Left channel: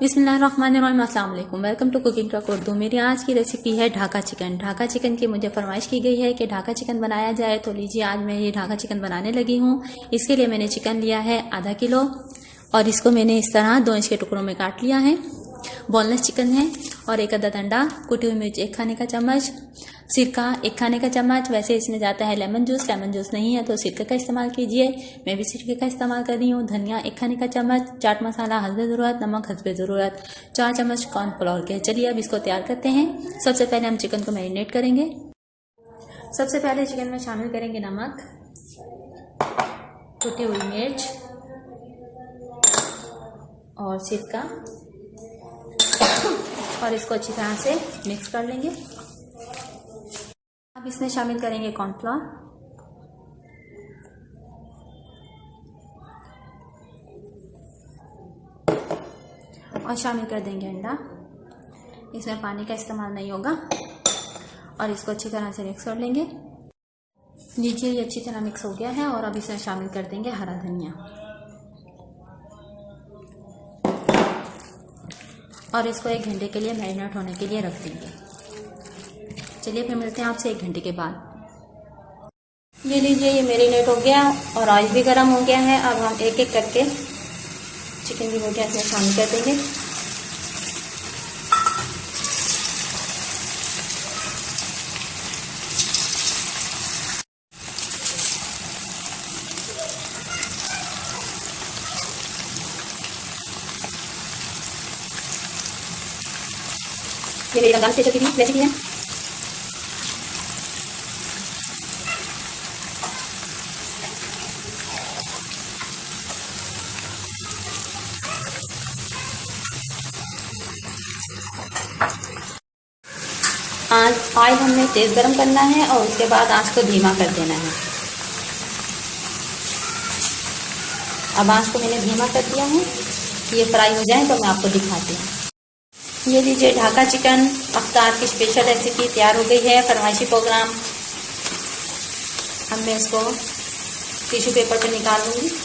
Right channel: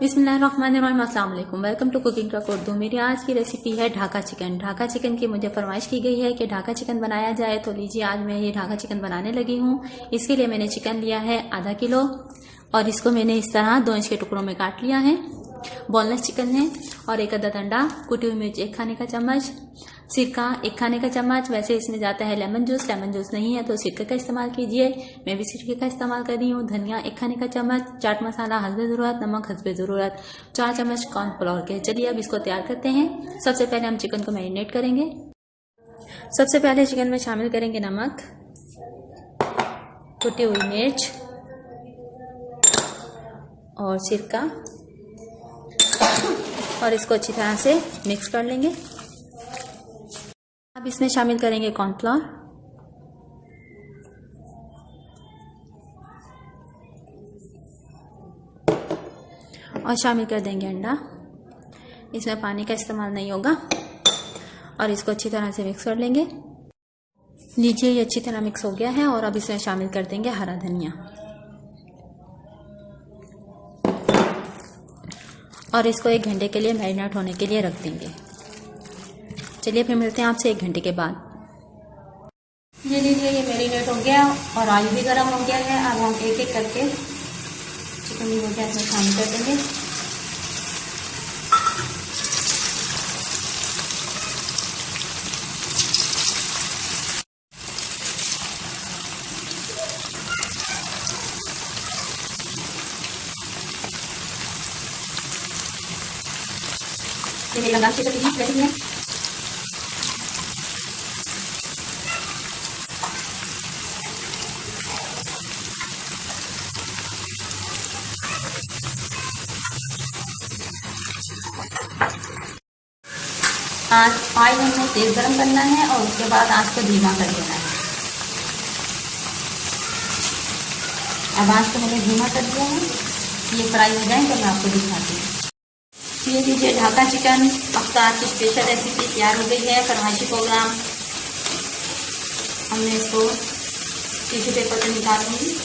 बिस्मिल्लाहिर्रहमानिर्रहीम, अस्सलाम वालेकुम। Welcome to cooking truck Urdu. मेरी आज की रेसिपी है ढाका चिकन। ढाका चिकन की मुझे फरमाइश की गई है कि ढाका चिकन बनाया जाए, तो लीजिए आज मैं ये ढाका चिकन बनाने लगी हूँ। इसके लिए मैंने चिकन लिया है आधा किलो और इसको मैंने इस तरह 2 इंच के टुकड़ों में काट लिया है। बोनलेस चिकन है। और एक अदद अंडा, कुटी हुई मिर्च 1 खाने का चम्मच, सिरका 1 खाने का चम्मच। वैसे इसमें जाता है लेमन जूस नहीं है तो सिरके का इस्तेमाल कीजिए, मैं भी सिरके का इस्तेमाल कर रही हूँ। धनिया 1 खाने का चम्मच, चाट मसाला हस्बे ज़रूरत, नमक हस्बे ज़रूरत, 4 चम्मच कॉर्नफ्लोर के। चलिए अब इसको तैयार करते हैं। सबसे पहले हम चिकन को मैरिनेट करेंगे। सबसे पहले चिकन में शामिल करेंगे नमक, कुटी हुई मिर्च और सिरका और इसको अच्छी तरह से मिक्स कर लेंगे। अब इसमें शामिल करेंगे कॉर्नफ्लोर और शामिल कर देंगे अंडा। इसमें पानी का इस्तेमाल नहीं होगा और इसको अच्छी तरह से मिक्स कर लेंगे। लीजिए ये अच्छी तरह मिक्स हो गया है और अब इसमें शामिल कर देंगे हरा धनिया और इसको 1 घंटे के लिए मैरिनेट होने के लिए रख देंगे। चलिए फिर मिलते हैं आपसे 1 घंटे के बाद। ये लीजिए ये मैरिनेट हो गया और ऑयल भी गर्म हो गया है। अब हम एक एक करके चिकन की बोटियां इसमें शामिल कर देंगे। ये मेरी रमजान स्पेशल की रेसिपी है। ऑयल हमने तेज गरम करना है और उसके बाद आंच को धीमा कर देना है। अब आंच को मैंने धीमा कर दिया है। ये फ्राई हो जाए तो मैं आपको दिखाती हूँ। ये लीजिए ढाका चिकन अफ्तार की स्पेशल रेसिपी तैयार हो गई है। फरमाइशी प्रोग्राम हमने इसको टिश्यू पेपर पे निकाल लूँगी।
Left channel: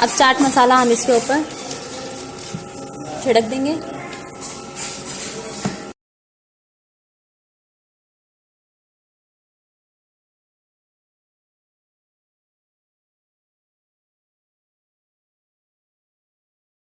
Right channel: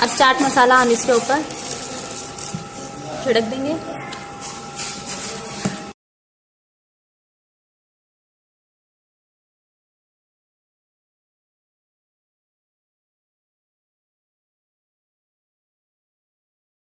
अब चाट मसाला हम इसके ऊपर छिड़क देंगे।